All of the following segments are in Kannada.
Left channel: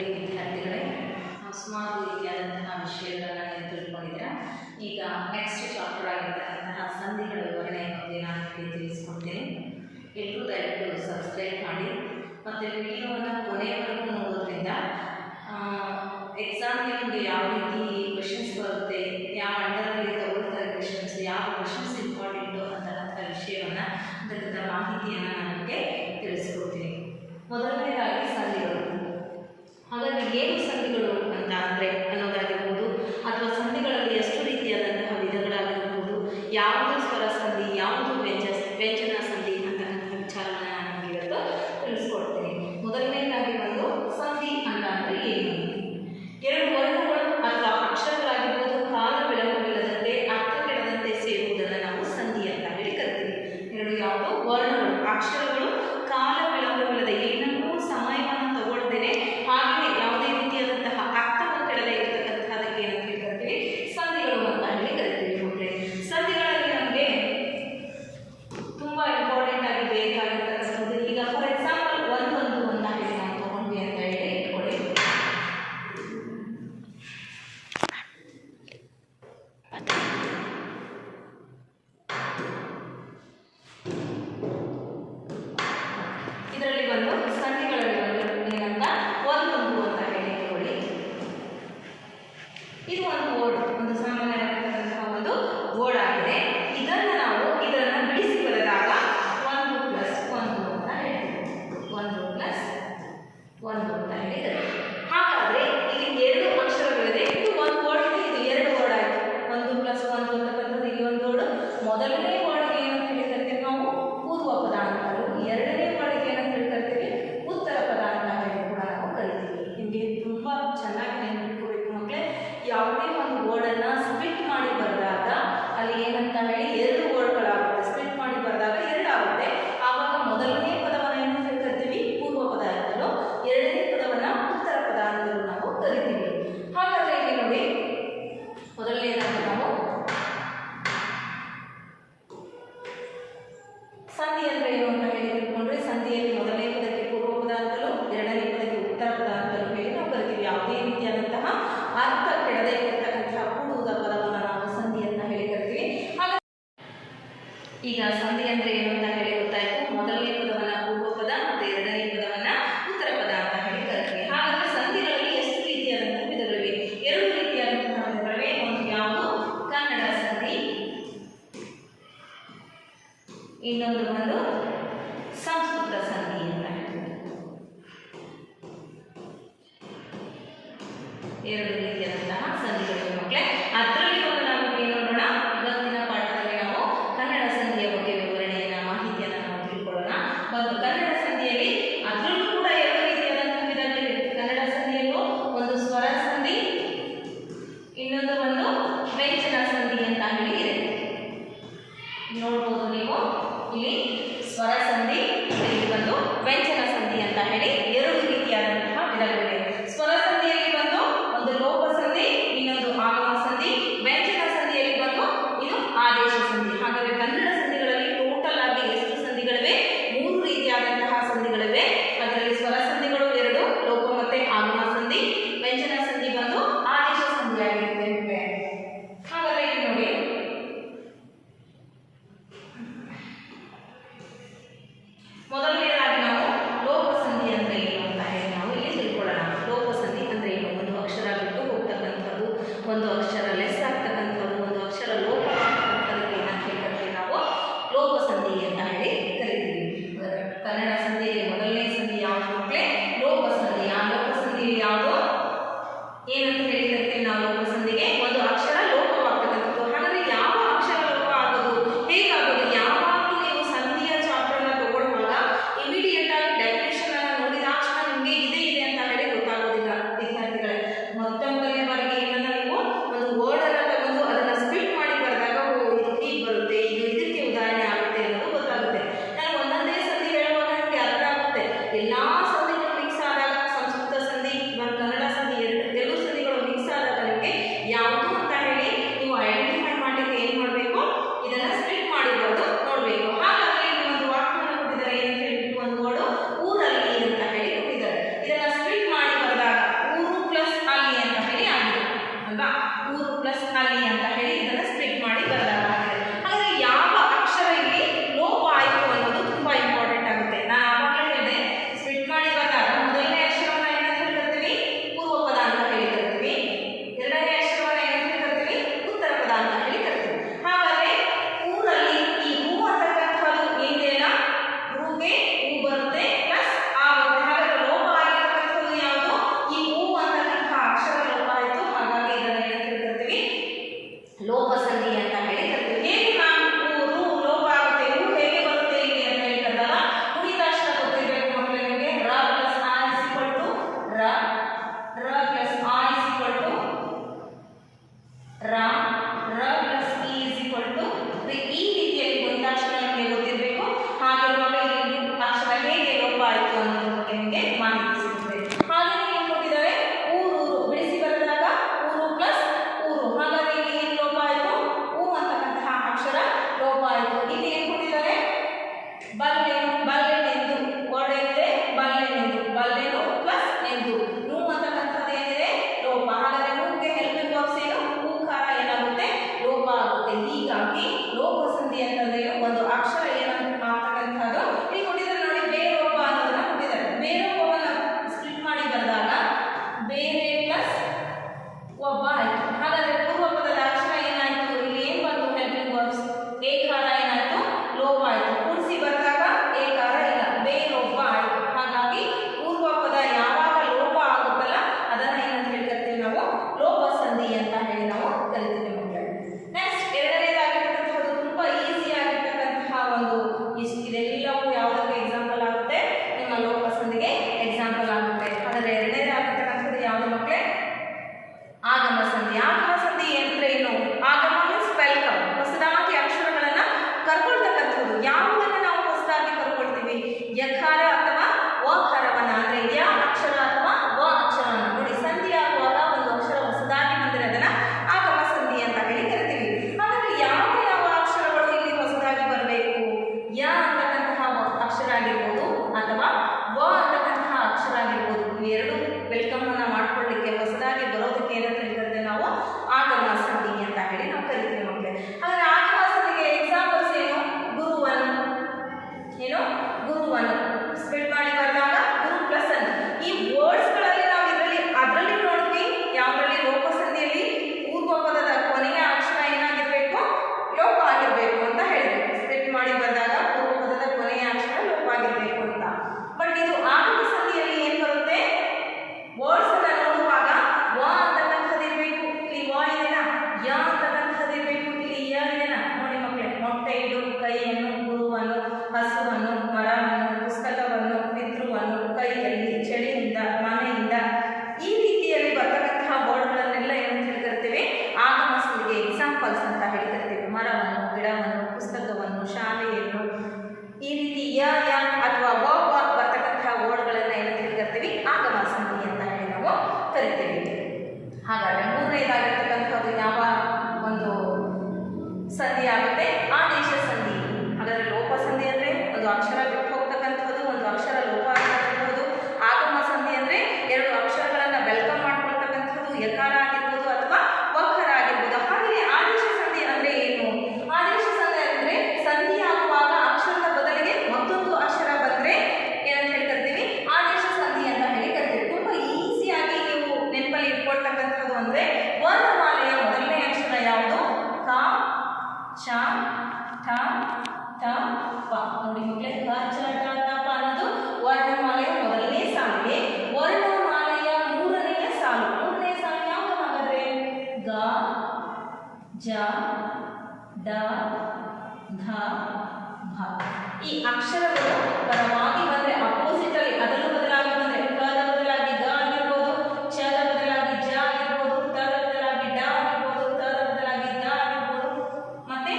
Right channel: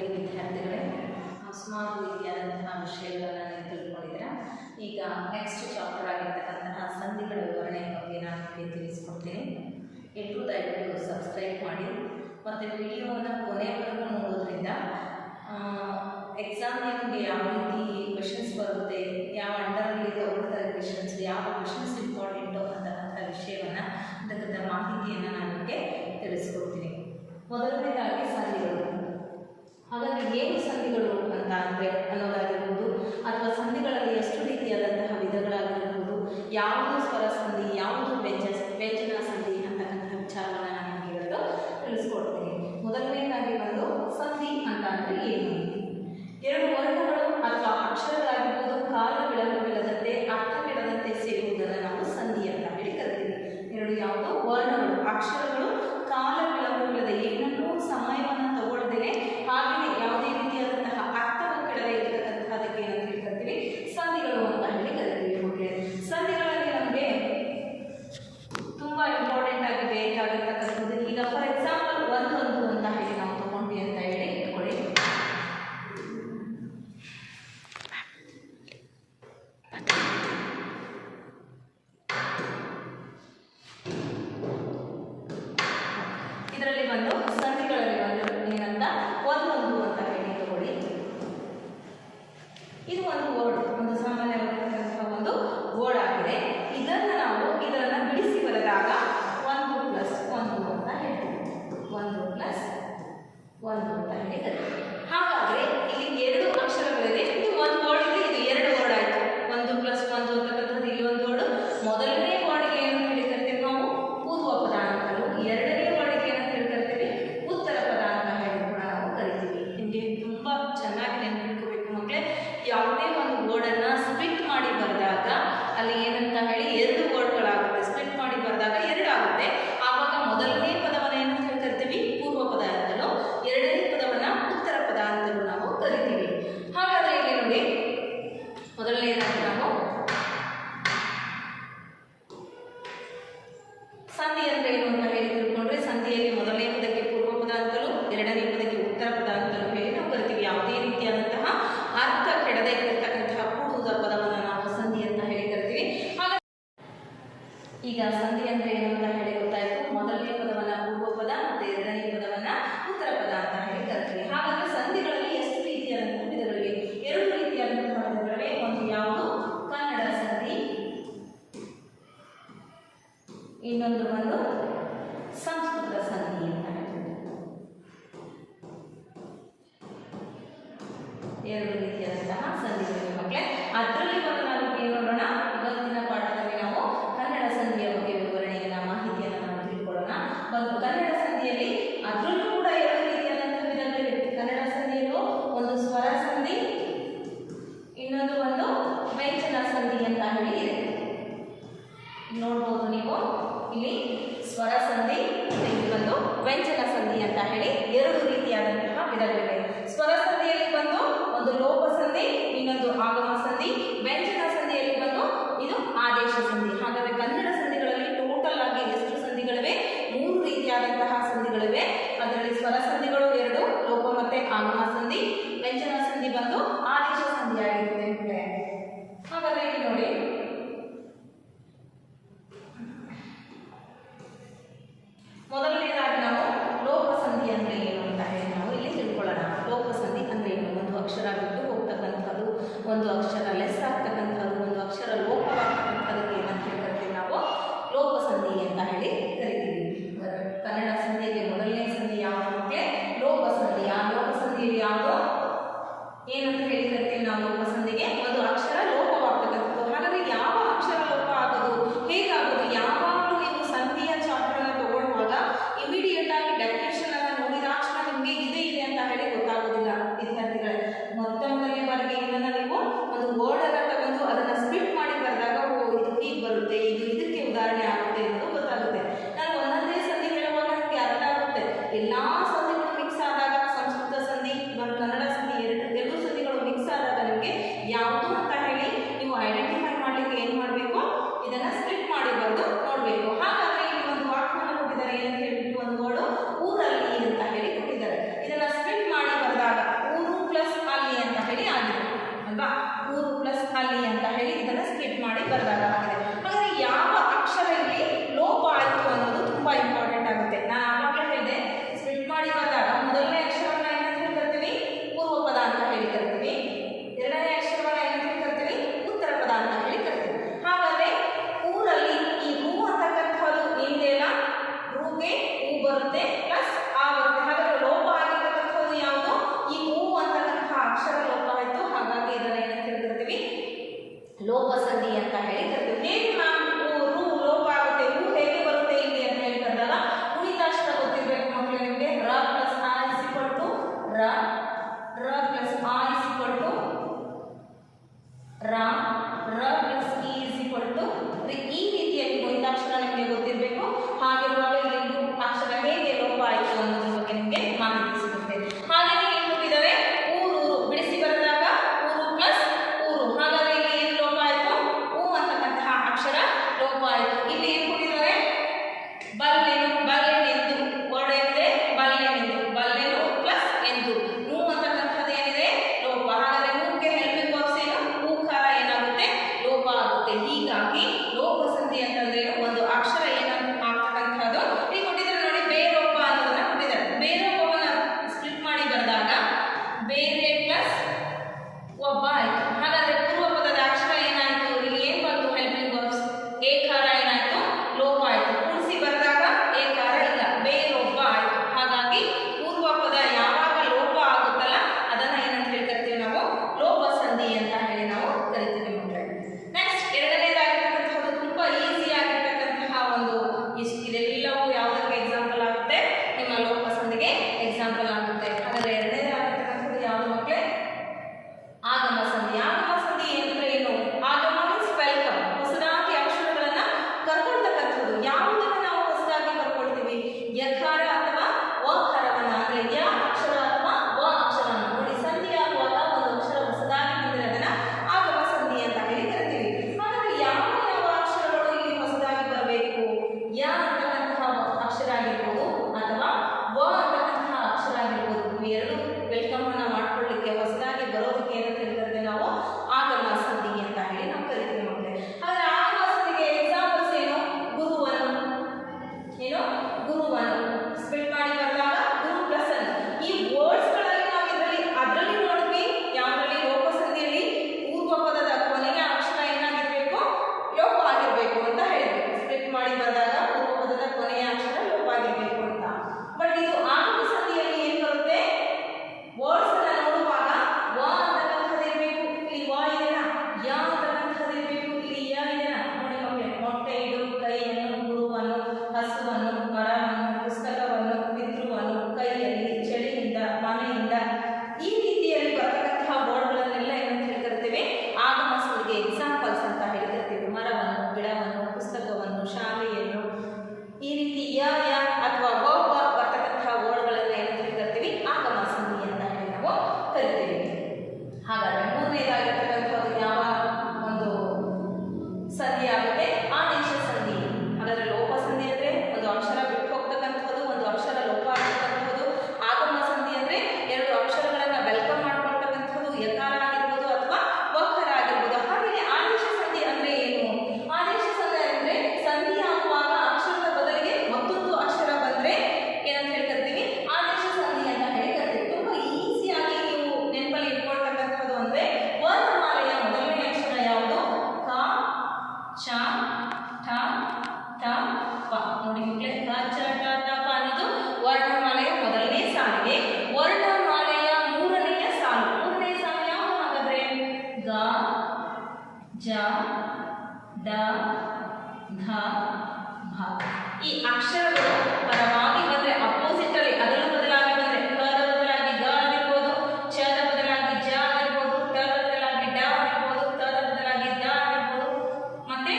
ವಿದ್ಯಾರ್ಥಿಗಳೇ ಸುಮಾರು ರೀತಿಯಾದಂತಹ ವಿಷಯಗಳನ್ನು ನೀವು ತಿಳ್ಕೊಂಡಿದ್ದೀರಾ. ಈಗ ನೆಕ್ಸ್ಟ್ ಚಾಪ್ಟರ್ ಆಗಿರ್ತಕ್ಕಂತಹ ಸಂಧಿಗಳ ವಿವರಣೆ ಬಗ್ಗೆ ನಾನು ತಿಳಿಸ್ಕೊಡ್ತೀನಿ. ಎಲ್ಲರೂ ದಯವಿಟ್ಟು ಸಬ್ಸ್ಕ್ರೈಬ್ ಮಾಡಿ ಮತ್ತು ವಿಡಿಯೋವನ್ನು ಕೊನೆಯವರೆಗೂ ನೋಡೋದ್ರಿಂದ ಎಕ್ಸಾಮ್ಗೆ ನಿಮಗೆ ಯಾವ ರೀತಿ ಕ್ವೆಶನ್ಸ್ ಬರುತ್ತೆ, ಯಾವ ಅಂಡರಲ್ಲಿ ತಗೊಳ್ತಾರೆ ಕ್ವೆಶನ್ಸ್, ಯಾವ ಕ್ವೆಶನ್ಸ್ ಇಂಪಾರ್ಟೆಂಟು ಅಂತಕ್ಕಂಥ ವಿಷಯವನ್ನು ಅಂತಕ್ಕಂಥ ಮಾಹಿತಿಯನ್ನು ನಾನು ನಿಮಗೆ ತಿಳಿಸ್ಕೊಡ್ತೀನಿ. ಮೊದಲನೇದಾಗಿ ಸಂಧಿಗಳು. ಹಾಗಾಗಿ ಏನು ಸಂಧಿಗಳು ಅಂತ ಅಂದರೆ ಅನ್ನೋದಾಗಿರ್ಬೋದು, ಅಥವಾ ಸಂಧಿಗಳಲ್ಲಿ ಎಷ್ಟು ರೀತಿಯಾದಂತಹ ವಿಧಗಳಾಗಿರ್ಬೋದು, ಯಾವುದು ಸ್ವರ ಸಂಧಿ, ಯಾವುದು ವ್ಯಂಜನ ಸಂಧಿ ಅಂತಕ್ಕಂಥ ವಿಚಾರವನ್ನು ನಾನು ನಿಮಗೆ ಇವತ್ತು ತಿಳಿಸ್ಕೊಡ್ತೀನಿ. ಮೊದಲನೇದಾಗಿ ಒಂದು ಸಂಧಿ ಅಂತ ಅಂದರೆ ಏನು? ಎರಡು ವರ್ಣಗಳು ಅಥವಾ ಅಕ್ಷರಗಳಾಗಿರ್ಬೋದು ಕಾಲ ವಿಳಂಬವಿಲ್ಲದಂತೆ ಅರ್ಥ ಕೆಡದಂತೆ ಸೇರುವುದನ್ನು ನಾವು ಸಂಧಿ ಅಂತ ಹೇಳಿ ಕರಿತೀವಿ. ಎರಡು ಯಾವುದು ವರ್ಣಗಳು, ಅಕ್ಷರಗಳು ಕಾಲ ವಿಳಂಬವಿಲ್ಲದೆ ಏನನ್ನೂ ಸಮಯವನ್ನು ತಗೊಳ್ಳದೇನೆ ಹಾಗೆಯೇ ಯಾವುದೇ ರೀತಿಯಾದಂತಹ ಅರ್ಥವನ್ನು ಕೆಡದೆ ಇರತಕ್ಕಂಥದಕ್ಕೆ ಏನಂತ ಹೇಳಿ ಕರಿತೀವಿ? ಸಂಧಿಗಳು ಅಂತ ಹೇಳಿ ಕರಿತೀವಿ. ಮಕ್ಕಳೇ, ಸಂಧಿಗಳಲ್ಲಿ ನಮಗೆ ತುಂಬ ಇಂಪಾರ್ಟೆಂಟ್ ಆಗಿ ಬೇಕಾಗಿರ್ತಕ್ಕಂಥದ್ದು, ಈಗ ಫಾರ್ ಎಕ್ಸಾಂಪಲ್ ಒಂದೊಂದು ಅಂತ ಹೇಳಿ ನಾವು ತಗೊಂಡ್ವಿ ಅಂತ ಹೇಳಿ ಇಟ್ಕೊಳ್ಳಿ. ಇದರಲ್ಲಿ ಬಂದು ಸಂಧಿಗಳಲ್ಲಿ ಏನಂತ ಒಂದೊಂದು ಅಂತ ಹೇಳಿ ಇಟ್ಕೊಳ್ಳಿ. ಇದು ಒಂದು ವರ್ಡ್, ಒಂದು ಸಾಮಾನ್ಯವಾಗಿರ್ತಕ್ಕಂತಹ ಒಂದು ವರ್ಡ್ ಆಗಿದೆ. ಇದನ್ನು ಬಿಡಿಸಿ ಬರೆದಾಗ 1+1 ಅಂತ ಹೇಳ್ತೀವಿ. 1+1 ಅಂತ ಹೇಳಿದರೆ ಹಾಗಾದರೆ ಇಲ್ಲಿ ಎರಡು ಅಕ್ಷರಗಳಿದೆ. ಇದು ಒಂದು ವರ್ಡ್ ಇದೆ, ಇದು ಎರಡು ವರ್ಡ್ ಆಯಿತು. 1+1 ಅಂತಕ್ಕಂಥದ್ದು ಇಲ್ಲಿ ಒಂದು ವರ್ಡ್. ಮೊದಲನೇ ವರ್ಡ್ಗೆ ಏನು ಹೇಳಿ ಕರಿತೀವಿ ನಾವು? ಪೂರ್ವ ಪದ ಅಂತಲೂ, ಎರಡನೇ ವರ್ಡ್ಗೆ ಏನಂತ ಹೇಳಿ ಕರಿತೀವಿ? ಉತ್ತರ ಪದ ಅಂತ ಹೇಳಿ ಕೂಡ ನಾವು ಕರಿತೀವಿ. ನಿಮಗೆ ತುಂಬ ಚೆನ್ನಾಗಿ ನೆನಪಿಟ್ಕೋಬೇಕು ಮಕ್ಕಳೇ. ಯಾವುದೇ ಒಂದು ವರ್ಡನ್ನು ಸ್ಪ್ಲಿಟ್ ಮಾಡಿ ಬರೆದಾಗ ಅಲ್ಲಿ ಏನಂತ ಹೇಳಿ ಎರಡು ವರ್ಡ್ಗಳಾಗುತ್ತೆ. ಸ್ಪ್ಲಿಟ್ ಮಾಡಿ ಬರೆದಾಗ ಎರಡು ಆಗುತ್ತೆ. ಆವಾಗ ಮೊದಲನೇ ಪದವನ್ನು ಏನಂತ ಹೇಳಿ ಕರಿತೀವಿ? ಪೂರ್ವ ಪದ ಅಂತಲೂ, ಎರಡನೇ ಪದವನ್ನು ಉತ್ತರ ಪದ ಅಂತಲೂ ನಾವು ಕರಿತೀವಿ. ಹಾಗಾದರೆ ಇಲ್ಲಿ ನೋಡಿ, ಮೊದಲನೇದಾಗಿ ನಾವು ಸಂಧಿ ಅಂದರೆ ಏನು ಅಂತ ಹೇಳಿ ತಿಳ್ಕೊಂಡ್ರೆ, ಸಂಧಿಯಲ್ಲಿ ಮೊದಲನೇ ಪದಕ್ಕೆ ಪೂರ್ವ ಪದ ಅಂತಲೂ, ಎರಡನೇ ಪದಕ್ಕೆ ಉತ್ತರ ಪದ ಅಂತಲೂ ಹೇಳಿ ನಾವು ಕರಿತೀವಿ. ಯಾವುದೇ ರೀತಿಯಾದಂತಹ ಅರ್ಥ ಕೆಡದೆ ಇರತಕ್ಕಂತಹ ಕೂಡುವುದ ಪದವನ್ನು ನಾವು ಸಂಧಿ ಅಂತ ಹೇಳಿ ಕರಿತೀವಿ. ಹಾಗಾಗಿ ಈಗ ಸಂಧಿ ಅಂದರೆ ಏನು ಅಂತ ಹೇಳಿ ಗೊತ್ತಾಯಿತು. ಮೊದಲನೇ ಪದವನ್ನು ಪೂರ್ವ ಪದ ಮತ್ತು ಎರಡನೇ ಪದವನ್ನು ಉತ್ತರ ಪದ ಅಂತ ಹೇಳಿ ಕರಿತೀವಿ. ಹಾಗಾದರೆ ಸಂಧಿಗಳಲ್ಲಿ ಎಷ್ಟು ರೀತಿಯಾದಂತಹ ವಿಧಗಳಿವೆ? ಎರಡು ರೀತಿಯಾದಂತಹ ವಿಧಗಳಿವೆ. ಒಂದು ಯಾವುದು? ಕನ್ನಡ ಸಂಧಿ, ಇನ್ನೊಂದು ಒಂದು ಸಂಸ್ಕೃತ ಸಂಧಿ ಅಂತ ಹೇಳ್ತೀವಿ. ಎರಡು ರೀತಿಯಾದಂತಹ ಸಂಧಿಗಳಿವೆ ಮಕ್ಕಳೇ. ಅದರಲ್ಲಿ ಒಂದು ನಾವು ಏನು ನೋಡೋಣ? ಇವತ್ತಿನ ಪಾಠದಲ್ಲಿ ನಾವು ಕನ್ನಡ ಸಂಧಿಯ ಬಗ್ಗೆ ವಿವರಣೆಯನ್ನು, ಮಾಹಿತಿಯನ್ನು ನಾವು ತಿಳ್ಕೊಳ್ಳೋಣ. ಒಂದು ಕನ್ನಡ ಸಂಧಿಯಲ್ಲಿ ಅದರಲ್ಲೂ ಕೂಡ ಎರಡು ರೀತಿಯಾದಂತಹ ವಿಧಗಳಿವೆ. ಕನ್ನಡ ಸಂಧಿಯಲ್ಲೂ ಒಂದು ಸ್ವರ ಸಂಧಿ, ಇನ್ನೊಂದು ಒಂದು ವ್ಯಂಜನ ಸಂಧಿ ಅಂತ ಹೇಳಿ ಇದೆ. ನೋಡ್ಬೋದು ನೀವು ಇಲ್ಲಿ ಸ್ವರ ಸಂಧಿ, ಇಲ್ಲಿ ಒಂದು ವ್ಯಂಜನ ಸಂಧಿ ಅಂತ ಹೇಳಿ ಎರಡು ರೀತಿಯಾದಂತಹ ವಿಧಗಳಿವೆ. ಸ್ವರ ಸಂಧಿಯಲ್ಲಿ ಒಂದು ಲೋಪ ಸಂಧಿ, ಇನ್ನೊಂದು ಆಗಮ ಸಂಧಿ. ವ್ಯಂಜನ ಅಕ್ಷರ ಲೋಪ ಆಯಿತು. ಹಾಗಾಗಿ ಇದನ್ನು ಏನು ಕರಿತೀವಿ? ಲೋಪ ಸಂಧಿ ಅಂತ ಹೇಳಿ ಕರಿತೀವಿ. ಹೇಗೆ ರು ಲೋಪ ಆಗುತ್ತೆ, ರು ಹೇಗೆ ಬರುತ್ತೆ ಇಲ್ಲಿ ಅಂತ ಹೇಳಿ ಕರೆದಾಗ ಉಳಿದಾಕ್ಷರ ಗೊತ್ತಿರಬೇಕು ಮಕ್ಕಳು ನಿಮಗೆ. ರ ಪ್ಲಸ್ ಆ ಇಸ್ ಈಕ್ವಲ್ ಟು ರ, ರ ಪ್ಲಸ್ ಆ ಇಸ್ ಈಕ್ವಲ್ ಟು ರ, ರ ಪ್ಲಸ್ ಇ ಇಸ್ ಈಕ್ವಲ್ ಟು ರಿ. ಈ ರೀತಿಯಲ್ಲಿ ಗುಣಿತಾಕ್ಷರ ನಿಮಗೆ ಗೊತ್ತಿರಬೇಕು. ಹಾಗೆ ಮಕ್ಕಳಿಗೆ ಅಕ್ಷರ ಹೇಗೆ ಲೋಪ ಆಯಿತು ಅನ್ನೋದ್ರ ಬಗ್ಗೆ ನಿಮಗೆ ಮಾಹಿತಿ ಸಿಗುತ್ತೆ. ಹಾಗೆ ಏನು ಕೊಟ್ಟಿದ್ದಾರೆ? ಊರು ಬಿಡಿಸಿ ಬರೆದಾಗ ಊರು ಪ್ಲಸ್ ಊರು. ಹಾಗಾದ್ರೆ ಇಲ್ಲಿ ಏನು ಲೋಪ ಆಯಿತು? ಊ ಅಂತಕ್ಕಂತಹ ಅಕ್ಷರ ಲೋಪ ಆಯಿತು. ಇಲ್ಲಿ ಏನು ಕೊಟ್ಟಿದ್ದಾರೆ? ಬಲ್ಲೆನು, ಬಲ್ಲೆನೆಂದು ವರ್ಡ್ ಏನಿದೆ? ಬಲ್ಲೆನೆಂದು, ಬಲ್ಲೆನು ಪ್ಲಸ್ ಎಂದು. ನೂ ಅಂತಕ್ಕಂಥದ್ದು ಏನಿದೆ? ಲೋಪ. ಹಾಗಾದ್ರೆ ನೂಗೆ ಹೆಲ್ಪಿಂಗ್ ವರ್ಬ್ಸ್ ಏನು? ಹೂಕಾರ ಏನಾಗುತ್ತೆ? ಲೋಪ ಆಗುತ್ತೆ. ಹೀಗಾಗಿ ಲೋಪ ಸಂಧಿ ಅಂತಂದ್ರೆ ಒಂದು ಅಕ್ಷರ ಏನಾಗ್ತಕ್ಕಂಥದ್ದು ಈಗ ಕೊಟ್ಟಿದ್ದಾರೆ ನೋಡಿ. ಬೇರೋಪ ಅನ್ನೋದನ್ನ ಕೊಟ್ಟಿದ್ದಾರೆ. ಬೇರೋಪವನ್ನ ಸ್ಪ್ಲಿಟ್ ಮಾಡಿ ಬರೆದಾಗ ಬೇರೆ ಪ್ಲಸ್ ಒಬ್ಬ ಆಯ್ತು. ಹಾಗಾದ್ರೆ ಪೂರ್ವ ಪದದ ಅಕ್ಷರ ಏನಾಯ್ತು? ಇಲ್ಲಿ ಏನ್ ಬಂತು? Helping verbs. ಏಕಾರ ಏನಾಯ್ತು? ಲೋಪ ಆಯ್ತು. ಕೂಡಿಸಿ ಬರೆದಾಗ ಏಕಾರ ಇಲ್ಲ, ಬೇರೊಬ್ಬ ಆಯ್ತು. ಹಾಗಾಗಿ ಪೂರ್ವ ಪದ ಯಾವಾಗ ಲೋಪ ಆಗುತ್ತಲ್ಲ ಅದನ್ನ ಏನಂತ ಹೇಳಿ ಕರಿತೀವಿ ನಾವು? ಲೋಪ ಸಂಧಿ ಅಂತ ಹೇಳಿ ನಾವು ಕರಿತೀವಿ ಮಕ್ಕಳೇ. ನೆಕ್ಸ್ಟ್ ಎರಡನೇದಾಗಿರ್ತಕ್ಕಂಥದ್ದು ತುಂಬಾ ಈಸಿ ಆಗಿರ್ತಕ್ಕಂತಹ ಒಂದು ಇದೆಲ್ಲವೂ ಯಾವುದಕ್ಕೆ ಎಕ್ಸಾಂಪಲ್ ಆಗುತ್ತೆ? ನಿಮ್ಮ ಲೋಪ ಸಂಧಿಗೆ ಎಕ್ಸಾಂಪಲ್ ಆಗುತ್ತೆ. ಹಾಗಾದ್ರೆ ಎರಡನೇದಾಗಿರ್ತಕ್ಕಂಥದ್ದು ಯಾವುದು ಮಕ್ಕಳೇ? ಆಗಮ ಸಂಧಿ. ಆಗಮ ಸಂಧಿ ಅಂದ್ರೆ ಏನು? ಆಗಮ ಮೀನ್ಸ್ ವೆಲ್ಕಮ್. ಹೊಸದಾಗಿ ಅಕ್ಷರಗಳನ್ನ ಕರ್ಕೊಳ್ತಕ್ಕಂಥದ್ದು. ಯಾವುದನ್ನ ನಾವು ಹೊಸದಾಗಿ ಕರ್ಕೊಳ್ತೀವಿ? ಯಕಾರ ಅಥವಾ ವಕಾರವನ್ನ, ಅಂದ್ರೆ ಯ ಅಕ್ಷರ ಅಥವಾ ವ ಅಕ್ಷರವನ್ನ. ನೋಡಿ, ಸಂಧಿ ಆಗುವಾಗ ಒಂದು ಅಕ್ಷರ ಹೊಸದಾಗಿ ಬಂದರೆ ಅದನ್ನ ಆಗಮ ಸಂಧಿ ಅಂತ ಹೇಳಿ ಕರಿತೀವಿ. ಹಾಗಾದ್ರೆ ಯಾವ ಯಾವ ಅಕ್ಷರಗಳು ಇಲ್ಲಿ ಹೊಸದಾಗಿ ಬರಬೇಕು? ಯ ಅಂತಕ್ಕಂತಹ ಅಕ್ಷರ ಆಗಿರ್ಬೋದು ಅಥವಾ ವ ಅಂತಕ್ಕಂತಹ ಅಕ್ಷರ ಆಗಿರ್ಬೋದು. ಇವೆರಡು ವೆಲ್ಕಮ್ ಅನ್ನ ಮಾಡ್ಕೊಳ್ಳಿಕ್ಕೆ ಹೊಸದಾಗಿ ಬರೋದಕ್ಕೆ ಏನಂತ ಹೇಳ್ತಾರೆ ನಾವು? ಆಗಮ ಸಂಧಿ ಅಂತ ಹೇಳಿ ನಾವು ಕರಿತೀವಿ ಮಕ್ಕಳೇ. ಹಾಗಾದ್ರೆ ಆಗಮ ಸಂಧಿಗೆ ಎಕ್ಸಾಂಪಲ್ಸ್ ಏನು? ಗುರುವನು, ಏನು? ಗುರುವನು ಸ್ಪ್ಲಿಟ್ ಮಾಡಿ ಬರೆದಾಗ ಗುರು ಪ್ಲಸ್ ಅನ್ನು. ಈ ವರ್ಡ್ಸ್ ಗಳಲ್ಲಿ ನಾವು ಅದರಲ್ಲಿ ನೋಡ್ತೀವಿ. ಯಾವ್ದ್ರಲ್ಲಿ? ಲೋಪ ಸಂಧಿಯಲ್ಲಿ ಪೂರ್ವ ಪದದ ಕೊನೆಯ ಅಕ್ಷರ ಏನಾಗಿರ್ಬೇಕು? ಲೋಪ ಆಗಿರ್ಬೇಕು ಅಂತ ಹೇಳಿದ್ವಿ. ಸ್ಪ್ಲಿಟ್ ಮಾಡಿ ಬರೆದಾಗ ಪೂರ್ವ ಪದದ ಕೊನೆಯ ಅಕ್ಷರ ಲೋಪ ಆಗಿರ್ಬೇಕು ಅಂತ. ಬಟ್ ಇದು ಆಗಮ ಸಂಧಿಯಲ್ಲಿ ಏನ್ ಬರುತ್ತೆ? ವರ್ಡ್ಸ್ ಅನ್ನ ನೋಡುವಾಗ ವ ಅಂತಕ್ಕಂಥದ್ದು ಇರಬೇಕು. ಇಲ್ಲಿ ವ ಇದೆನಾ? ಯ ಅಂತಕ್ಕಂಥದ್ದು ಇರಬೇಕು. ಇಲ್ಲಿ ಯ ಇದೆನಾ? ನೋಡಿ ಮಕ್ಕಳೇ, ಮೊಟ್ಟೆ ಇಡು, ಕೈಯನ್ನು, ಗುರುವನ್ನು, ಹಸುವನ್ನು, ಮರವನ್ನು, ಪುಸ್ತಕವನ್ನು, ಪಿತೃವನ್ನು, ಕೈಯಲ್ಲಿ, ಚಳಿಯಿಂದ, ಮನೆಯಿಂದ, ಈ ರೀತಿಯಲ್ಲಿ ಬರ್ತಕ್ಕಂತಹ ವರ್ಡ್ಗಳನ್ನೆಲ್ಲ ಏನಂತ ಹೇಳಿ ಕರಿತೀವಿ? ಆಗಮ ಸಂಧಿಗೆ ಎಕ್ಸಾಂಪಲ್ಸ್ ಅಂತ ಹೇಳಿ ಕರಿತೀವಿ. ಮರವನ್ನು, ಗಿಡವನ್ನು, ಪುಸ್ತಕವನ್ನು, ಶಾಲೆಯನ್ನು, ಈ ರೀತಿ ಯ ಯ ಅಥವಾ ವ ಬರ್ತಕ್ಕಂತಹ ವರ್ಡ್ಗಳನ್ನ ಏನಂತ ಹೇಳಿ ಕರಿತೀವಿ? ಆಗಮ ಸಂಧಿ ಅಂತ ಹೇಳಿ ನಾವು ಕರಿತೀವಿ. ಹಾಗಾದ್ರೆ ಮೂರನೇದಾಗಿರ್ತಕ್ಕಂಥದ್ದು ಯಾವ ಒಂದು ಸಂಧಿ ಆಗುತ್ತೆ? ಆದೇಶ ಸಂಧಿ. ಹಾಗಾದ್ರೆ ಲೋಪ ಸಂಧಿ ಅಂದ್ರೆ ಒಂದು ಅಕ್ಷರ ಬಿಟ್ಟು ಹೋಗ್ತಕ್ಕಂಥದ್ದು, ಒಂದು ಅಕ್ಷರ ಲೋಪ ಆಗ್ತಕ್ಕಂಥದ್ದು. ಆಗಮ ಸಂಧಿ ಅಂದ್ರೆ ಎರಡು ಅಕ್ಷರಗಳನ್ನ ವೆಲ್ಕಮ್ ಮಾಡ್ಕೊಳ್ತಕ್ಕಂಥದ್ದು, ಯಕಾರ ಆಗಿರ್ಬೋದು ಅಥವಾ ವಕಾರ ಆಗಿರ್ಬೋದು. ಹಾಗೆಯೇ ಆದೇಶ ಸಂಧಿ ಅಂದ್ರೆ ಏನು? ಆದೇಶ ಸಂಧಿ ಅಂದ್ರೆ ಸಂಧಿ ಆಗುವಾಗ ಅಕ್ಷರದ ಬದಲಿಗೆ ಮತ್ತೊಂದು ಅಕ್ಷರ ಬಂದ್ರೆ ಏನಂತ ಹೇಳಿ ಕರಿತೀವಿ? ಆದೇಶ ಸಂಧಿ ಅಂತ ಹೇಳಿ ಕರಿತೀವಿ. ತುಂಬಾ ಈಸಿಯಾಗಿ ನೀವು ನೆನಪಲ್ಲಿ ಇಟ್ಕೊಳ್ತಕ್ಕಂಥದ್ದು ಅಂದ್ರೆ ವರ್ಣಮಾಲೆಯ ಮೊದಲನೇ ಅಕ್ಷರ ಯಾವುದು? ಕ, ಚ, ಠ, ಟ, ಪ. ನೋಡಿ ಮಕ್ಕಳೇ, ಕ, ಚ, ಟ, ಟ, ಪ ಅನ್ನೋದು ವರ್ಣಮಾಲೆಯ ಮೊದಲನೇ ಸಾಲಿಗೆ. ವರ್ಣಮಾಲೆಯ ಮೂರನೆಯ ಸಾಲು. ಮೂರನೇ ಸಾಲು ಯಾವುದು ಹಾಗಾದ್ರೆ? ಗ, ಜ, ಡ, ಧ, ಭ. ಈ ಅಕ್ಷರಗಳು ಪರವಾಗಿ ಬಂದ್ರೆ ಅಪೋಸಿಟ್ ಅಲ್ಲಿ ಅದರ ಬದಲಾಗಿ ಬಂದ್ರೆ ಕದ ಬದಲಾಗಿ ಗ ಆಗಿರ್ಬೋದು, ಚದ ಬದಲಾಗಿ ಜ ಆಗಿರ್ಬೋದು, ಟದ ಬದಲಾಗಿ ಡ ಆಗಿರ್ಬೋದು, ತದ ಬದಲಾಗಿ ದ ಆಗಿರ್ಬೋದು, ಮತ್ತೆ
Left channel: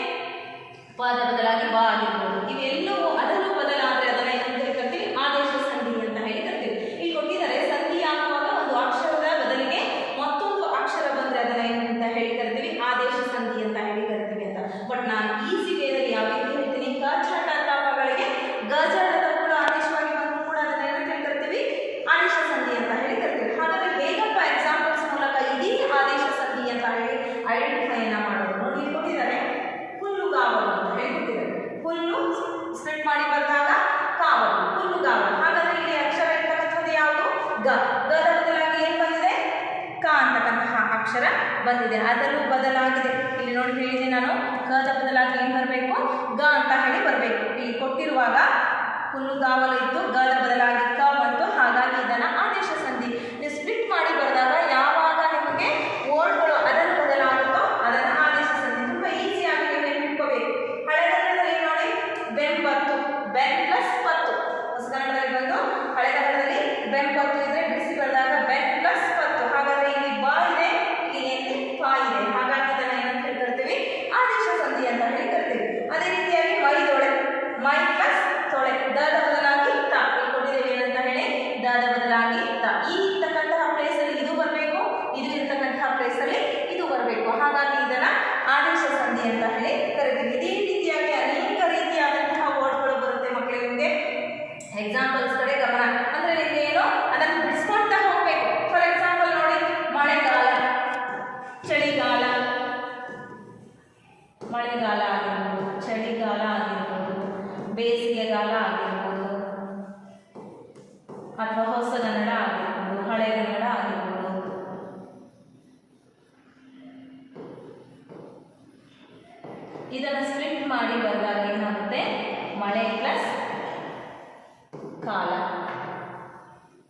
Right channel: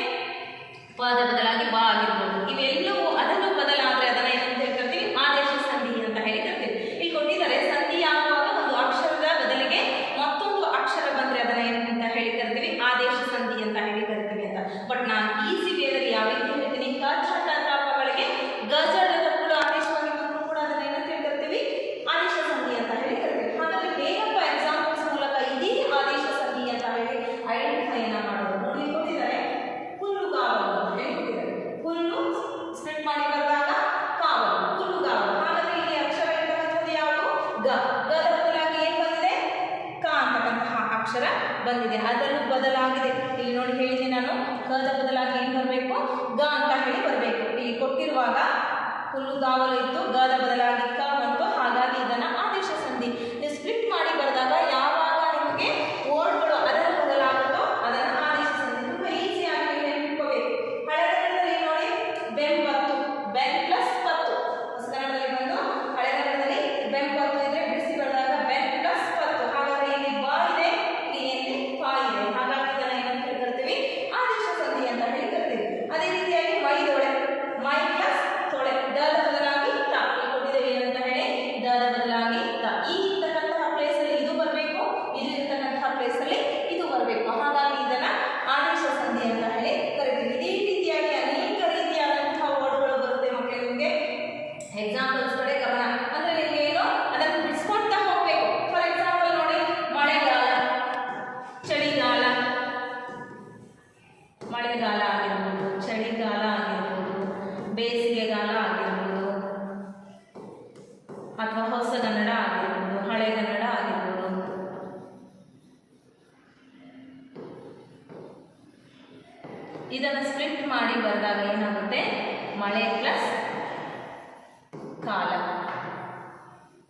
ಪದ ಬದಲಾಗಿ ಬ ಆಗಿರ್ಬೋದು. ಇವೆಲ್ಲವೂ ಅದನ್ನು ಬದಲಾದ್ರೆ ಅದನ್ನ ಏನಂತ ಹೇಳಿ ಕರಿತೀವಿ? ಆದೇಶ ಸಂಧಿ ಅಂತ ಹೇಳಿ ಕರಿತೀವಿ. ಇಲ್ಲಿ ಕೊಟ್ಟಿದ್ದಾರೆ ಸಂಧಿ ಆಗುವಾಗ ಒಂದು ಅಕ್ಷರದ ಬದಲಿಗೆ ಮತ್ತೊಂದು ಅಕ್ಷರ ಬಂದ್ರೆ ಅದನ್ನ ಏನಂತ ಹೇಳಿ ಕರಿತೀವಿ? ಆದೇಶ ಸಂಧಿ ಅಂತ ಹೇಳಿ ಕರಿತೀವಿ ಅಂತ. ಬಟ್ ನಾನು ಈಸಿ ವೇದಲ್ಲಿ ಯಾವ ರೀತಿ ಹೇಳ್ತೀನಿ? ಕ, ಚ, ಟ, ಟ, ಪಗಳಿಗೆ ಗಜಳದ ಕೂಡ ಆದೇಶವಾಗಿ ಬಂದರೂ ಕೂಡ ಅದನ್ನ ಏನಂತ ಹೇಳಿ ಕರಿತೀವಿ? ಆದೇಶ ಸಂಧಿ ಅಂತ ಹೇಳಿ ಕರಿತೀವಿ. ಹಾಗಾದ್ರೆ ಹೇಗಪ್ಪ ಎಕ್ಸಾಂಪಲ್ಸ್ ಮೂಲಕ ಇದೇ ಆದೇಶ ಸಂಧಿ ಅಂತ ಹೇಳಿ ಐಡೆಂಟಿಫೈನ ಮಾಡೋದು? ನೋಡಿ, ಕೊಟ್ಟಿದ್ದಾರೆ ಹುಲ್ಲುಗಾವಲು ಅಂತ ಹೇಳಿ ಕೊಟ್ಟಿದ್ದಾರೆ. ಹುಲ್ಲು ಸ್ಪ್ಲಿಟ್ ಮಾಡಿ ಬರೆದಾಗ ಕಾವಲು, ಹುಲ್ಲುಗಾವಲು. ಹಾಗಾದ್ರೆ ಇಲ್ಲಿ ಅಕ್ಷರ ಇರ್ತಕ್ಕಂಥದ್ದು ಯಾವುದು? ಗ. ಗದ ಬದಲಾಗಿ ಏನ್ ಬಂದಿದೆ? ಕ ಅಂತಕ್ಕಂತಹ ಅಕ್ಷರ ಬಂದಿದೆ. ಅದರಲ್ಲೂ ಬದಲಾಗಿದೆ. ಇಲ್ಲಿ ನೋಡಿ ಹೇಳಿದೆ ನಾನು, ಕದ ಬದಲಾಗಿ ಏನ್ ಬರಬೇಕು? ಗ ಅಂತ ಹೇಳಿ ಬರಬೇಕು. ಇಲ್ಲಿ ಕೊಟ್ಟಿರುವಾಗ ಹುಲ್ಲುಗಾವಲು ಇತ್ತು, ಗದ ಬದಲಾಗಿ ಕ ಬಂತು. ಹಾಗಾಗಿ ಇದನ್ನ ಆದೇಶ ಸಂಧಿ. ಸ್ಪ್ಲಿಟ್ ಮಾಡಿ ಬರೆದಾಗ ಯಾವ ಹಾಗಾಗಿ ಇದನ್ನ ಆದೇಶ ಸಂಧಿ ಅಂತ ಹೇಳಿ ಕರಿತೀವಿ. ಇದೇ ರೀತಿಯಾಗಿ ಅನೇಕ ರೀತಿಯಾದಂತಹ ವರ್ಡ್ಗಳು ಬರುತ್ತೆ ಮಕ್ಕಳೇ. ನಿಮಗೆ ಎಕ್ಸಾಂಪಲ್ಸ್ ಕಡೆ ಗಮನ ಅಂದ್ರೆ ನಿಮ್ಗೆ ಏನು ಅದನ್ನು ಬಿಡಿಸ್ಕೊಳ್ತಾ ಹೋಗ್ಬೇಕು. ಫಾರ್ ಎಕ್ಸಾಂಪಲ್ ನೋಡಿ, ಮಳೆಗಾಲ, ಚಳಿಗಾಲ, ಮಳೆಗಾಲ ಆಗಿರ್ಬೋದು, ಚಳಿಗಾಲ ಆಗಿರ್ಬೋದು, ಬೇಸಿಗೆಗಾಲ ಆಗಿರ್ಬೋದು, ಅಥವಾ ಹೊಸಗನ್ನಡ ಆಗಿರ್ಬೋದು, ಹಳೆಗನ್ನಡ ಆಗಿರ್ಬೋದು. ಇದನ್ನು ಸ್ಪ್ಲಿಟ್ ಮಾಡಿ ಬರೆದಾಗ ಏನಾಗುತ್ತೆ, ಮಳೆ ಪ್ಲಸ್ ಕಾಲ.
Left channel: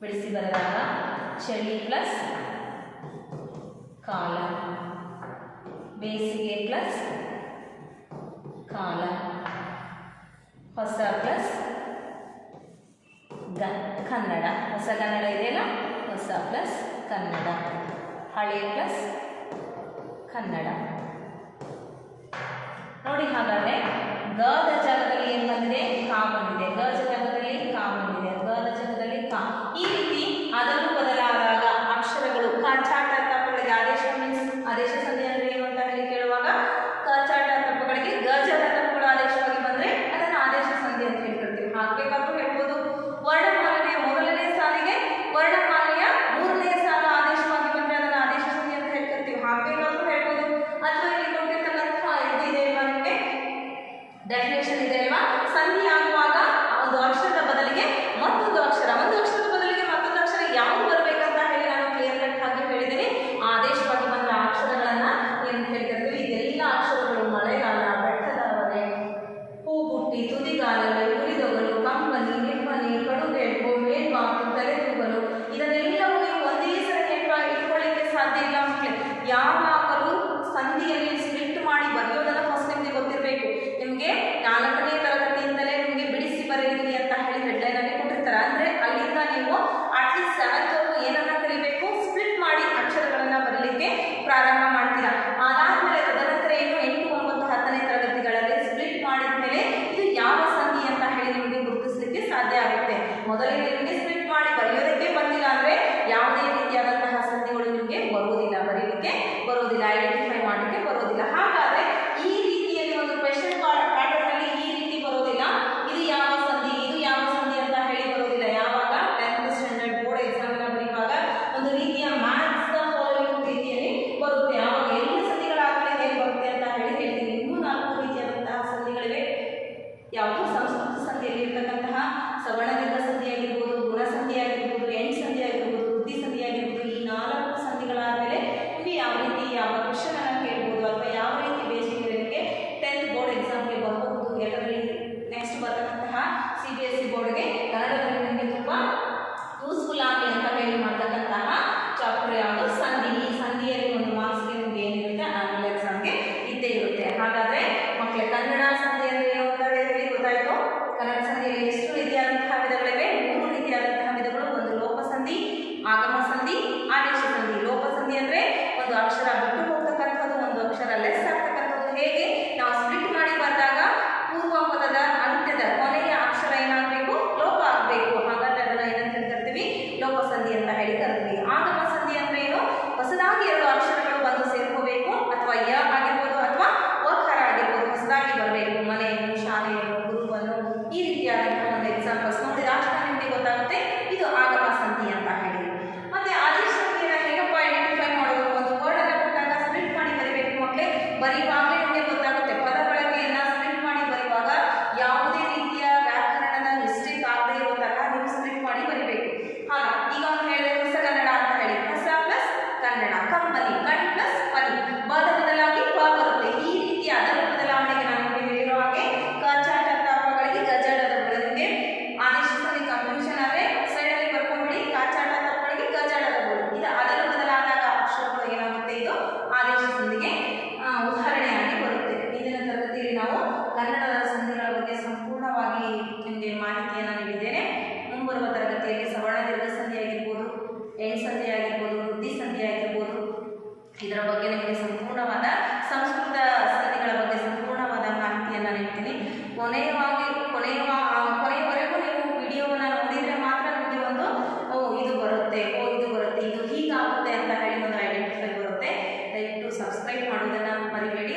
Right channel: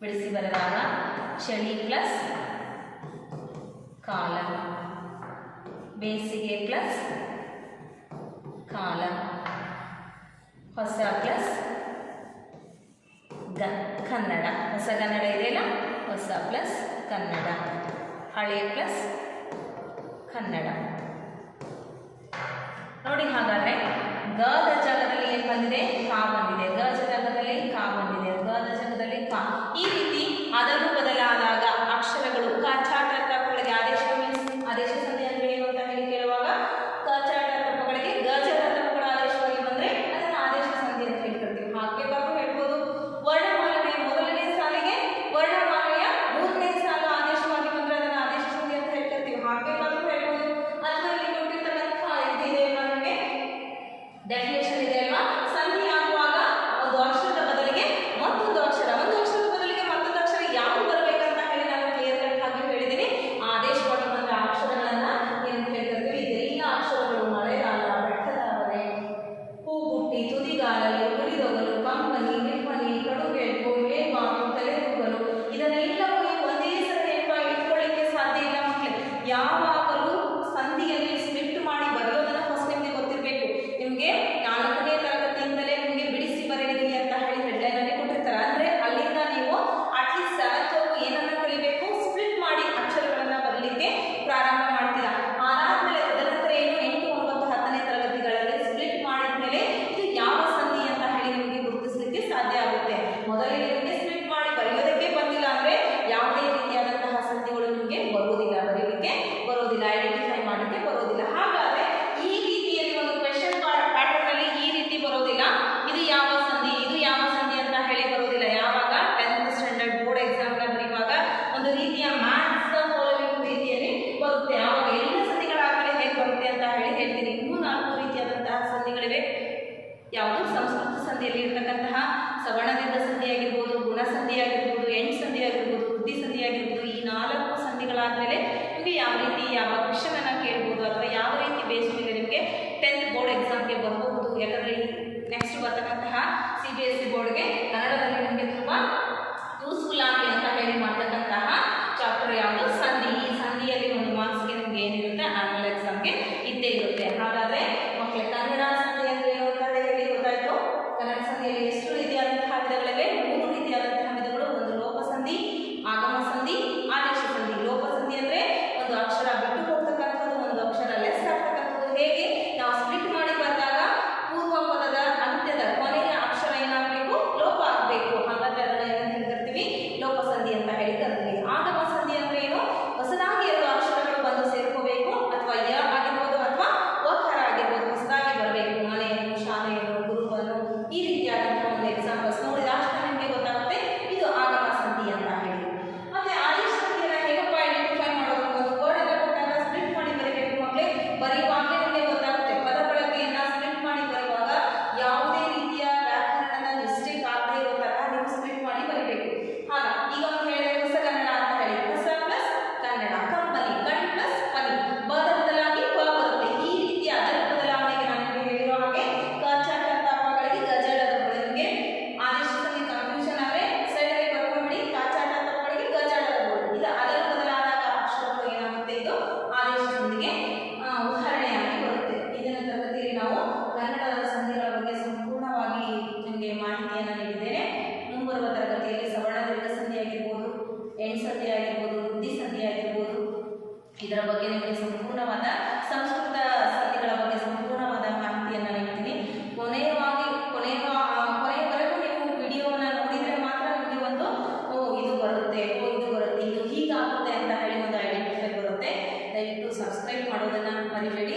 ಬಿಡಿಸಿ ಬರೆದಾಗ ಚಳಿ ಪ್ಲಸ್ ಕಾಲ, ಬೇಸಿಗೆ ಪ್ಲಸ್ ಕಾಲ, ಹೊಸ ಪ್ಲಸ್ ಕನ್ನಡ. ಹೊಸ ಕನ್ನಡ ಇದೆಯಲ್ಲ, ಹೊಸ ಪ್ಲಸ್ ಕನ್ನಡ, ಹಳೆ ಪ್ಲಸ್ ಕನ್ನಡ. ನೋಡಿ, ಹಾಗಾದ್ರೆ ಗದ ಜಾಗದಲ್ಲಿ ಏನು ಬಂದಿದೆ, ಕಾ ಬಂದಿದೆ. ಗದ ಜಾಗದಲ್ಲಿ ಕಾ ಬಂದಿದೆ, ಗದ ಜಾಗದಲ್ಲಿ ಕಾ. ಈ ರೀತಿ ಅದನ್ನು ಬದಲಾದಾಗ ಅಕ್ಷರಗಳು ಕ ಚಾಟ ತಪ್ಪಗಳಿಗೆ ಆದೇಶ ಸಂಧಿ ಅಂದ್ರೆ ಏನು ಅಂತ ಹೇಳಿ ಕೇಳುವಾಗ ಕ ಚಾಟ ತಪ್ಪಗಳಿಗೆ ಗಜದ ತಪ್ಪಗಳು ಆದೇಶವಾಗಿ ಬಂದ್ರೆ ಅದನ್ನು ಆದೇಶ ಸಂಧಿ ಅಂತ ಹೇಳ್ಕೊಳ್ತೀವಿ. ಹಾಗಬೇಕಾದ್ರೂ ಹೇಳ್ಬೋದು, ವರ್ಣಮಾಲೆಯ ಮೊದಲನೇ ಸಾಲಿಗೆ ವರ್ಣಮಾಲೆಯ ಮೂರನೇ ಸಾಲು ಆದೇಶವಾಗಿ ಬಂದ್ರೆ ಅದನ್ನು ಆದೇಶ ಸಂಧಿ ಅಂತ ಹೇಳ್ಕೊಳ್ತೀವಿ. ಹಾಗಬೇಕಾದ್ರೂ ಹೇಳ್ಬೋದು. ಅಥವಾ ಇಲ್ಲಿ ಕೊಟ್ಟಿರ್ತಕ್ಕಂಥ ಇದಿದೆ ನಮಗೆ ಡೆಫಿನೇಷನ್ ಇದೆ ಅಲ್ವಾ, ಸಂಧಿ ಆಗುವಾಗ ಒಂದು ಅಕ್ಷರದ ಬದಲಿಗೆ ಮತ್ತೊಂದು ಅಕ್ಷರ, ಒಂದು ಅಕ್ಷರದ ಬದಲಿಗೆ ಮತ್ತೊಂದು ಅಕ್ಷರ ಯಾವುದು ಬರಬೇಕಂತ ಹೇಳಿ ನಾನು ಕ್ಲಿಯರ್ ಕಟ್ ಆಗಿ ಹೇಳಿದ್ದೀನಿ. ಆದೇಶವಾಗಿ ಬಂದ ಅಕ್ಷರಗಳನ್ನ ಏನಂತ ಹೇಳ್ತಿರ್ತೀವಿ, ಇದೆಲ್ಲ ಅಕ್ಷರಗಳು ಮಳೆಗಾಲ, ಬೆಟ್ಟದವರೆ, ಹೂಗುಟ್ಟಿ, ತುದಿಗಾಲಲು, ಹುರಿದೊಗಲು, ಕಂಬನಿ, ನಿಮ್ಮನಿ, ಕಡುಗೆಂಪು, ಮೇಲ್ಮಾತು, ತಲೆತೂಗಲು, ಇದನ್ನೆಲ್ಲವೂ ನೀವು ಒಂದೇ ಸಲ ಇಟ್ಕೊಳ್ಳಿಕ್ಕೆ ಸಾಧ್ಯ ಇಲ್ಲ ಮಕ್ಕಳೇ. ಯಾವಾಗಲೂ ಸಂಧಿಯಲ್ಲಿ ಸ್ಪ್ಲಿಟ್ ಮಾಡಿ ಬರೆಯೋದನ್ನ ಫಸ್ಟ್ ನಿಮಗೆ ಗೊತ್ತಿರಬೇಕು. ನಿಮಗೆ 4ನೇ ತರಗತಿಯಿಂದಲೇ ನಿಮಗೆ ಬಿಡಿಸಿ ಬರೆಯಿರಿ ಅಂತ ಹೇಳಿ ಹೆಡ್ಲೈನ್ ಅಲ್ಲಿ ಕೊಟ್ಟಿರ್ತಾರೆ. ಅಂದ್ರೆ ಅಲ್ಲಿಂದ ನೀವು ಅಟ್ಲೀಸ್ಟ್ 7th ವರೆಗೂ ಏನನ್ನ ಕಲಿಬೇಕು, ಸ್ಪ್ಲಿಟ್ ಮಾಡಿ ಅಕ್ಷರಗಳನ್ನ ಬರಲಿಕ್ಕೆ ಪ್ರಾರಂಭ ಮಾಡ್ತೀರಾ. ಅದಾದ್ಮೇಲೆ ತದನಂತರ ಏನು 8, 9, 10ನೇ ತರಗತಿಗಳಲ್ಲಿ ಸ್ಪ್ಲಿಟ್ ಮಾಡಿದ ಮೇಲೆ ಇದು ಯಾವ ಸಂಧಿ ಅಂತ ಹೇಳಿ ನಿಮಗೆ ಗುರುತಿಸಲಿಕ್ಕೆ ಸಾಧ್ಯ ಆಗುತ್ತೆ. ಮೊದಲೇ ನಿಮಗೆ ಸ್ಪ್ಲಿಟ್ ಮಾಡಿ ಬರೆಯೋದಕ್ಕೆ ಬಂದಿಲ್ಲ ಅಂದ್ರೆ ಯಾವುದೇ ರೀತಿಯಾದಂತಹ ಸಂಧಿಗಳು ನಿಮಗೆ ಬರುವುದಿಲ್ಲ, ಬರೀಲಿಕ್ಕೆ ಬರೋದಿಲ್ಲ, ಐಡೆಂಟಿಫೈ ಮಾಡಲಿಕ್ಕೆ ಬರೋದಿಲ್ಲ. ಹಾಗಾದ್ರೆ ಈ ರೀತಿಯಲ್ಲಿ ಒಂದು ಕ್ವೆಶ್ಚನ್ ಪ್ಯಾಟರ್ನ್ ಅಲ್ಲಿ ಈ ರೀತಿ ಬರೋದಿಲ್ಲ, ಇದು ಯಾವ ಸಂಧಿ, ಇದು ಯಾವ ಸಂಧಿ ಅಂತ ಹೇಳಿ ಬರೋದಿಲ್ಲ. ಯಾವಾಗ 10th ಸ್ಟ್ಯಾಂಡರ್ಡ್ ಬೋರ್ಡ್ ಎಕ್ಸಾಮ್ ನ ಬರೆಯುವಾಗ ಒಂದು ರೀತಿಯ ಮ್ಯಾಥ್ಸ್ ದ ಫಾಲೋವಿಂಗ್ ರೀತಿಯಲ್ಲಿ ಬರುತ್ತೆ. ಆವಾಗ ಎಲ್ಲ ಸಂಧಿಗಳಾಗಲೇ ಹೇಗೆ ಬರುತ್ತೆ ಅಂತ ಹೇಳಿ ಹೇಳ್ತೀನಿ. ಇನ್ನೂ 4 ರೀತಿಯಾದಂತಹ ಸಂಧಿಗಳಿವೆ. ಯಾವುದು ಸಂಸ್ಕೃತ ಸಂಧಿಯಲ್ಲಿ ಇರ್ತಕ್ಕಂತಹ ಸವರ್ಣದಿಂದ ಸಂಧಿ ಆಗಿರ್ಬೋದು, ಗುಣ ಸಂಧಿ ಆಗಿರ್ಬೋದು, ಎಂಡ್ ಸಂಧಿ ಆಗಿರ್ಬೋದು, ವೃದ್ಧಿ ಸಂಧಿ ಆಗಿರ್ಬೋದು. ಈ 4 ಸಂಧಿಗಳಾದ್ಮೇಲೆ ನಿಮಗೆ ಯಾವ ರೀತಿ ಯಾವ ಕ್ವೆಶ್ಚನ್ ಅನ್ನ ಕೇಳ್ಬೋದು ಅಥವಾ ಯಾವ ರೀತಿ ಬೇಸ್ ಮೇಲೆ ನಿಮಗೆ 10th ಬೋರ್ಡ್ ಎಕ್ಸಾಮ್ಗೆ ಬರಬಹುದು. ಯಾಕಂದ್ರೆ ನೆಕ್ಸ್ಟ್ ಬರ್ತಕ್ಕಂತಹ CBSE ಬೋರ್ಡ್ಗೆ ಕನ್ನಡದಲ್ಲಿ ನಿಮಗೆ ತುಂಬಾ ಯೂಸ್ಫುಲ್ ಆಗಿ ಅಂತ ಹೇಳಿ ಮಾಡ್ತಕ್ಕಂತಹ ಚಾಪ್ಟರ್ ಯಾವುದು, ಸಂಧಿ. ಈ ಸಂಧಿಯಲ್ಲಿ ಒಂದು ಮಾರ್ಕ್ಸ್ಗೆ ನಿಮ್ಗೆ ಏನಿರುತ್ತೆ, ಆನ್ಯುವಲ್ ಎಕ್ಸಾಮ್ಗೆ ಇದ್ದೇ ಇರುತ್ತೆ. ಹಾಗಾದ್ರೆ ಮಕ್ಕಳೇ, ಕನ್ನಡ ಸಂಧಿ ಅಂದ್ರೆ ಏನು ಅಂತ ಹೇಳಿ ಗೊತ್ತಾಯ್ತು. ಕನ್ನಡ ಸಂಧಿಯಲ್ಲಿ ಎಷ್ಟು ರೀತಿಯಾದಂತಹ ವಿಧಗಳಿವೆ, 3 ರೀತಿಯಾದಂತಹ ವಿಧಗಳು. ಒಂದು ಲೋಪ ಸಂಧಿ, ಆಗಮ ಸಂಧಿ, ಆದೇಶ ಸಂಧಿ. ಲೋಪ ಸಂಧಿ ಅಂದ್ರೆ ಒಂದು ಅಕ್ಷರ ಬಿಟ್ಟು ಹೋಗ್ತಕ್ಕಂಥದ್ದು, ಒಂದು ಅಕ್ಷರ ಲೆಸ್ ಆಗ್ತಕ್ಕಂಥದ್ದು. ಹೇಗೆ ನಾವು ಸ್ಪ್ಲಿಟ್ ಮಾಡಿ ಬಂದಾಗ ಪೂರ್ವ ಪದದ ಅಂತ್ಯದ ಕೊನೆಯ ಅಕ್ಷರ ಏನಾಗಬೇಕು, ಲೋಪ ಆಗಬೇಕು. ಹಾಗಾದ್ರೆ ಅದನ್ನ ಏನಂತ ಹೇಳ್ತಿರ್ತೀವಿ, ಲೋಪ ಸಂಧಿ ಅಂತ ಹೇಳಿ ಕರಿತೀವಿ. ಆಗಮ ಸಂಧಿ ಅಂದ್ರೆ ಏನು, ಹೊಸದಾಗಿ 2 ಅಕ್ಷರಗಳು ಬಂದು ಸೇರ್ಕೋಬೇಕು, ಅಥವಾ ಯ ಆಗಿರ್ಬೋದು ಅಥವಾ ವಕಾರ ಆಗಿರ್ಬೋದು, ಹೊಸದಾಗಿ ಬರಬೇಕು. ಮನೆಯನ್ನು, ಶಾಲೆಯನ್ನು, ಗುರುವನ್ನು, ಈ ರೀತಿಯಾದಂತಹ ಒಂದು ಎಕ್ಸಾಂಪಲ್ಸ್ ನೋಡಿದ ಅಕ್ಷರ ನಿಮಗೆ ಗೊತ್ತಾಗುತ್ತೆ ಇದು ಆಗಮ ಸಂಧಿ ಅಂತ ಹೇಳಿ. ಮತ್ತೆ ಆದೇಶ ಸಂಧಿಯನ್ನು ಹೇಗಪ್ಪ ಐಡೆಂಟಿಫೈ ಮಾಡೋದು, ಒಂದು ವರ್ಡ್ ಅನ್ನ ಕೊಟ್ಟಾಗ ಸ್ಪ್ಲಿಟ್ ಮಾಡಿ ಬರೀಬೇಕು ಮಕ್ಕಳೇ. ಬರೆಯುವಾಗಲೇ ನಿಮಗೆ ಗೊತ್ತಾಗುತ್ತೆ. ಪದ ಬಳಕೆಯನ್ನ ಸ್ಪ್ಲಿಟ್ ಮಾಡಿ ಬರೆಯುವಾಗ ಯಾವುದೇ ರೀತಿಯ ವ್ಯಾಕರಣದ ಮಿಸ್ಟೇಕ್ ಆಗದೆ ಇರೋ ತರ ನೀವು ಸ್ಪ್ಲಿಟ್ ಮಾಡಿ ಬರೀಬೇಕು. ಹಾಗ ಈಗ ಒಂದು ಹೇಳಿದ್ರೆ ಹೊಸಗನ್ನಡ ಅಂತ ಹೇಳಿ, ಹೊಸ ಪ್ಲಸ್ ಕನ್ನಡ, ಕಂಪನಿ, ಕಣ್ ಪ್ಲಸ್ ಪನಿ, ಬದ ಬದಲಾಗಿ ಪ ಬರುತ್ತೆ. ಈ ರೀತಿ ಅದರ ಬದಲಾವಣೆಗೆ ನಾನು ನಿಮಗೆ ಹೇಳಿರೋ ಹಾಗೆ ಕ ಚಾಟ ತಪ್ಪಗಳಿಗೆ ಗಜಳದ ನಿಮಗೆ ಆದೇಶ ಸಂಧಿ ಕನ್ಫ್ಯೂಷನ್ ಆದರೆ ಸೈಡಲ್ಲಿ ಬರ್ಕೊಂಡ್ಬಿಡಿ. ಕ ಚಾಟ ತಪ್ಪಗಳಿಗೆ ಗಜಳದ ಇದು ಅದರ ಬದಲಾದಾಗ ಅಕ್ಷರಗಳು ಏನಾಗುತ್ತೆ, ಇದು ಆದೇಶ ಸಂಧಿಗೆ ಉದಾಹರಣೆಯಾಗಿ ಬರುತ್ತೆ. ಇಂದಿನ ತರಗತಿಯಲ್ಲಿ ನಾವು ಕನ್ನಡದ ಸಂಧಿಗಳ ಬಗ್ಗೆ ಸಂಪೂರ್ಣವಾಗಿ ನಿಮಗೆ ಮಾಹಿತಿಯನ್ನು ನೀಡಿದ್ದೇನೆ. ಮುಂಬರುವ ತರಗತಿಯಲ್ಲಿ ಸವರ್ಣ ದೀರ್ಘ ಸಂಧಿ ಆಗಿರ್ಬೋದು, ಎಂಡ್ ಸಂಧಿ ಆಗಿರ್ಬೋದು, ವೃದ್ಧಿ ಸಂಧಿ ಆಗಿರ್ಬೋದು, ಇದರ ಬಗ್ಗೆ ನಿಮಗೆ ಸಂಪೂರ್ಣವಾದ ಸಂಸ್ಕೃತ ಸಂಧಿಗಳ ಬಗ್ಗೆ ಸಂಪೂರ್ಣವಾದ ಮಾಹಿತಿಯನ್ನು ನೀಡ್ತೀನಿ. ಕೊನೆಯವರೆಗೂ ನೀವು ವಿಡಿಯೋವನ್ನು ನೋಡಿದರೆ ಮಾತ್ರ ನಿಮಗೆ ಒಂದು ಇದು ಬರುತ್ತೆ, ಇದು ಹೀಗಾಗುತ್ತೆ ಅಂತ ಹೇಳಿ ಒಂದು ಐಡೆಂಟಿಫೈ ಬರುತ್ತೆ. ದಯವಿಟ್ಟು ಸಬ್ಸ್ಕ್ರೈಬ್ ಸಬ್ಸ್ಕ್ರೈಬ್ ಮಾಡೋದನ್ನು ಮರಿಬೇಡಿ.